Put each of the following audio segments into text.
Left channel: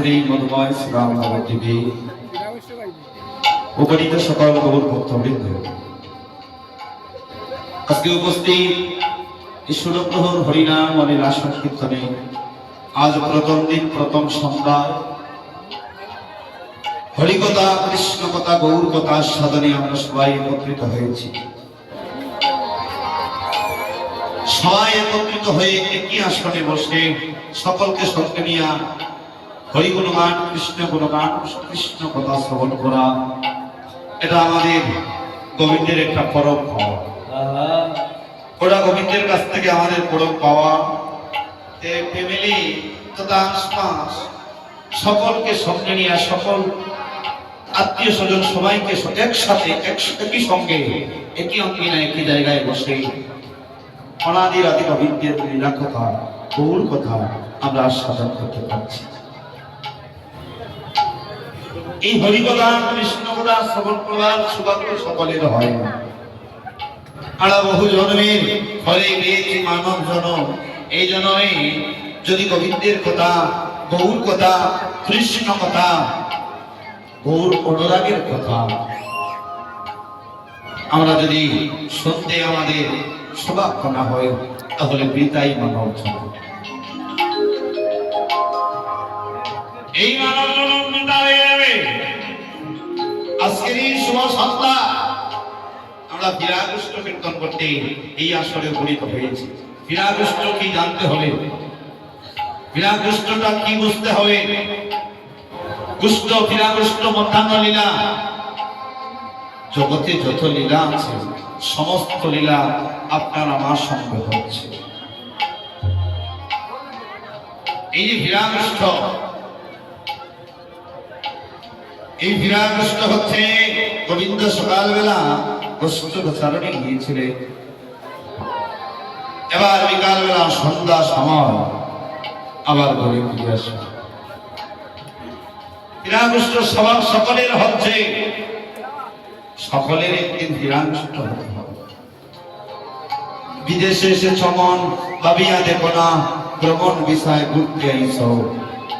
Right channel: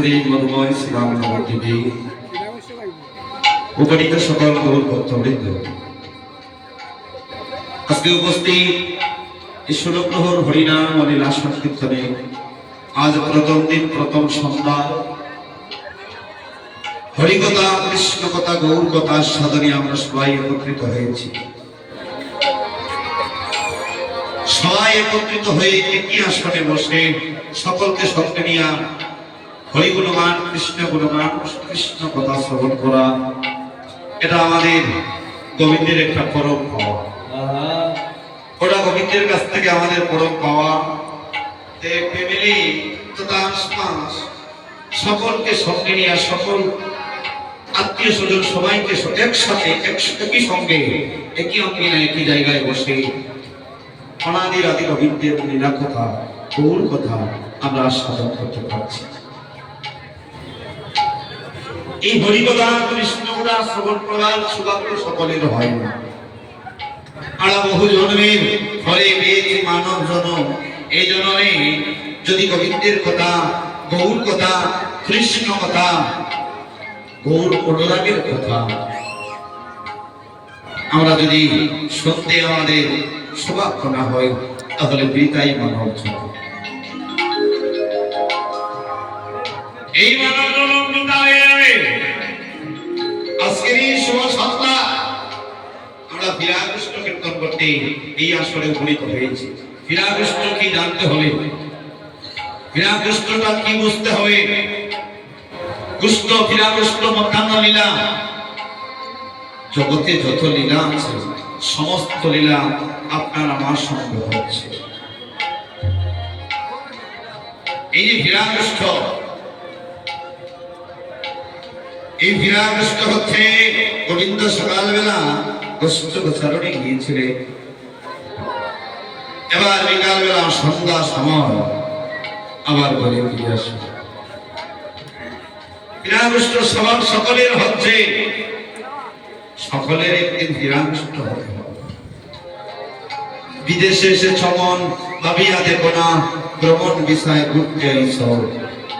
আজকের এই মধুময় শ্রীরাম নবদ্বীপে উপনীত সকল গৌর ভক্তবৃন্দ, আজকে উপস্থিত এই ষোলপ্রহর হরিনাম ও লীলা সংকীর্তনে আজ প্রথম দিন, প্রথম সন্ধ্যায় হরিকথা, কৃষ্ণ কথা, গৌর কথা সাধনে আমরা সবাই একত্রিত হয়েছি। সবাই একত্রিত হয়ে একই আসনে বসে সকলকে সঙ্গে নিয়ে হরি গুণগান, কৃষ্ণ গুণগান, কৃষ্ণ কথা শ্রবণ করা, এটা আমাদের গোবিন্দের একটা পরম পাওয়া। ওরা গোবিন্দের কাছ থেকে আমাদের পরম পাওয়া। ফ্যামিলি তথা আশপাশ সকলকে সঙ্গে নিয়ে, সকল আত্মীয় স্বজন সবাইকে একসাথে একই সঙ্গে একই অঙ্গিনা একই জায়গায় বসে অনাদির আদি গোবিন্দের লীলা কথা, গৌর কথা আমরা সাধন করতে পারছি। এই হরিকথা, কৃষ্ণ কথা শ্রবণ করার সৌভাগ্য সকলের হয় না। আমরা বহু জন্মের ফলে পেয়েছি মানব জনম। এই জন্মে যদি গোবিন্দের কথা, গৌর কথা, কৃষ্ণ কথা, গৌর অনুরাগের কথা আমরা যদি শুনতে আমাদের সৌভাগ্য না হয়, তাহলে বৃথাই মানব জনম। এই মানব জনম বৃথা হয়ে যাবে। আজকের এই শুভ সন্ধ্যা আমরা বিরাগষ্ট কীর্তন করতে এই আসরে উপনীত হয়েছি। বিরাগষ্ট কি জানতে হবে, বিরাগষ্টটা কি বুঝতে হবে। গুষ্ট বিরাগষ্ট মধ্যাহ্ন লীলা, জগতে যত লীলা আছে সমস্ত লীলা আপনার আমার সঙ্গে হচ্ছে। এই যে বিরাগষ্ট, এই বিরাগষ্ট হচ্ছে গোবিন্দ সকালবেলা গোষ্ঠ গোচারণে গিয়েছিলেন, এবার বিকালবেলা সন্ধ্যা সময় আবার বলে ফিরে আসে। বিরাগষ্ট স্বভাব সকলের হচ্ছে, সকলের একদিন বিরাগষ্ট হতে হবে। বিদেশে এসে ছমন ভাবিয়া দেখো না, ভ্রমণ বিষয় ঘুরতে আইস,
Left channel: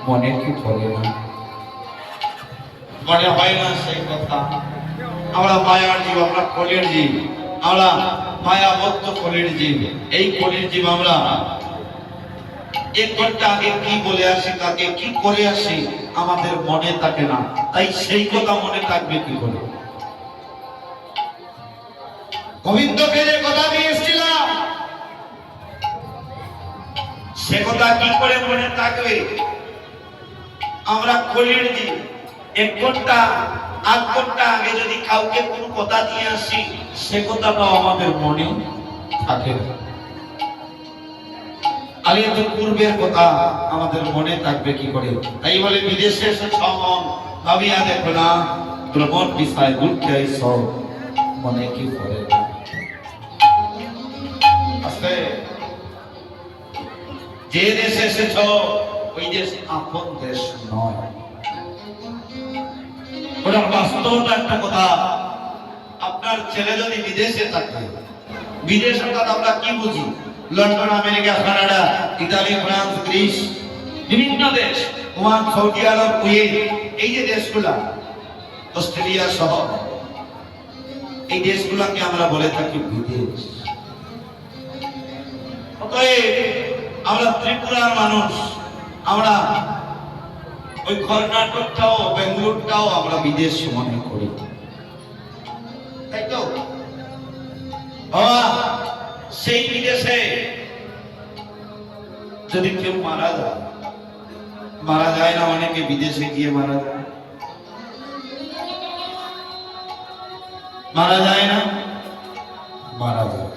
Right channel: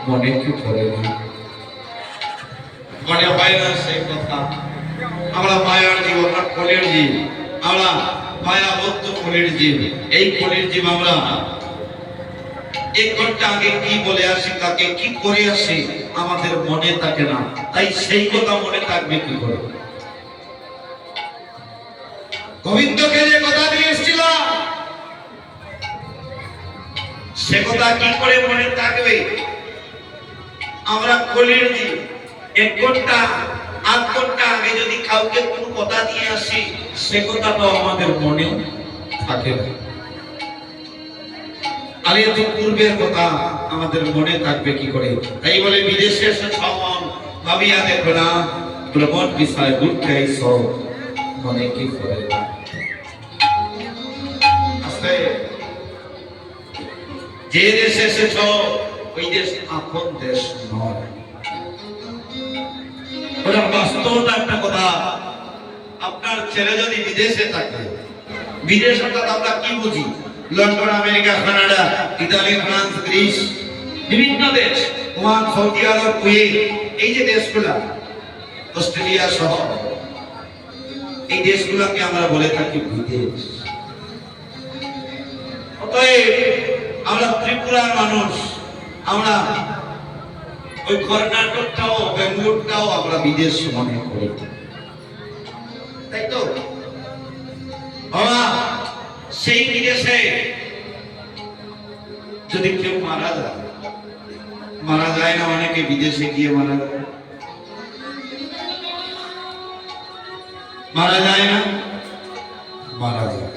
মনে কি পড়ে না, মনে হয় না সেই কথা। আমরা মায়ার জীব, আমরা কলের জীব, আমরা মায়াবদ্ধ কলের জীব। এই কলের জীব আমরা এক ঘন্টা আগে কি বলে আসি, তাকে কি করে আসি আমাদের মনে থাকে না। তাই সেই কথা মনে থাকবে কি করে? গোবিন্দকে যে কথা দিয়ে এসেছিলাম সে কথা কি করে মনে থাকবে? আমরা কলের জীব। এক ঘন্টা আধ ঘন্টা আগে যদি কাউকে কোনো কথা দিয়ে আসি, সে কথাটাও আমাদের মনে থাকে না। আরে তো পূর্বের কথা আমাদের মনে থাকবে কি করে? তাই বলে বিদেশে এসে ছমন ভাবিয়া দেখো না, ভ্রমণ বিষয় ঘুরতে আইস, মনে কি করে না। যে দেশে এসেছ ওই দেশ আপন দেশ নয়। ওরা বাস্তবটা একটা কথা। আপনার ছেলে যদি বিদেশে থাকে, বিদেশ অর্থাৎ আমরা কি বুঝি? London, America, Canada, Italy, France, Greece, বিভিন্ন দেশ, ওমান, সৌদি আরব, কুয়েত, এই যে দেশগুলা, অস্ট্রেলিয়া সহ এই দেশগুলাকে আমরা বলে থাকি বিদেশ। অতএব আমরা ত্রিপুরার মানুষ, আমরা ওই কর্ণাটকটাও বেঙ্গালুরুটাও আমরা বিদেশ মনে করি, তাই তো? সেই বিদেশে যদি কেউ মারা যায় না, অনেকে বিদেশে গিয়ে মারা যায় না, মারা যায়।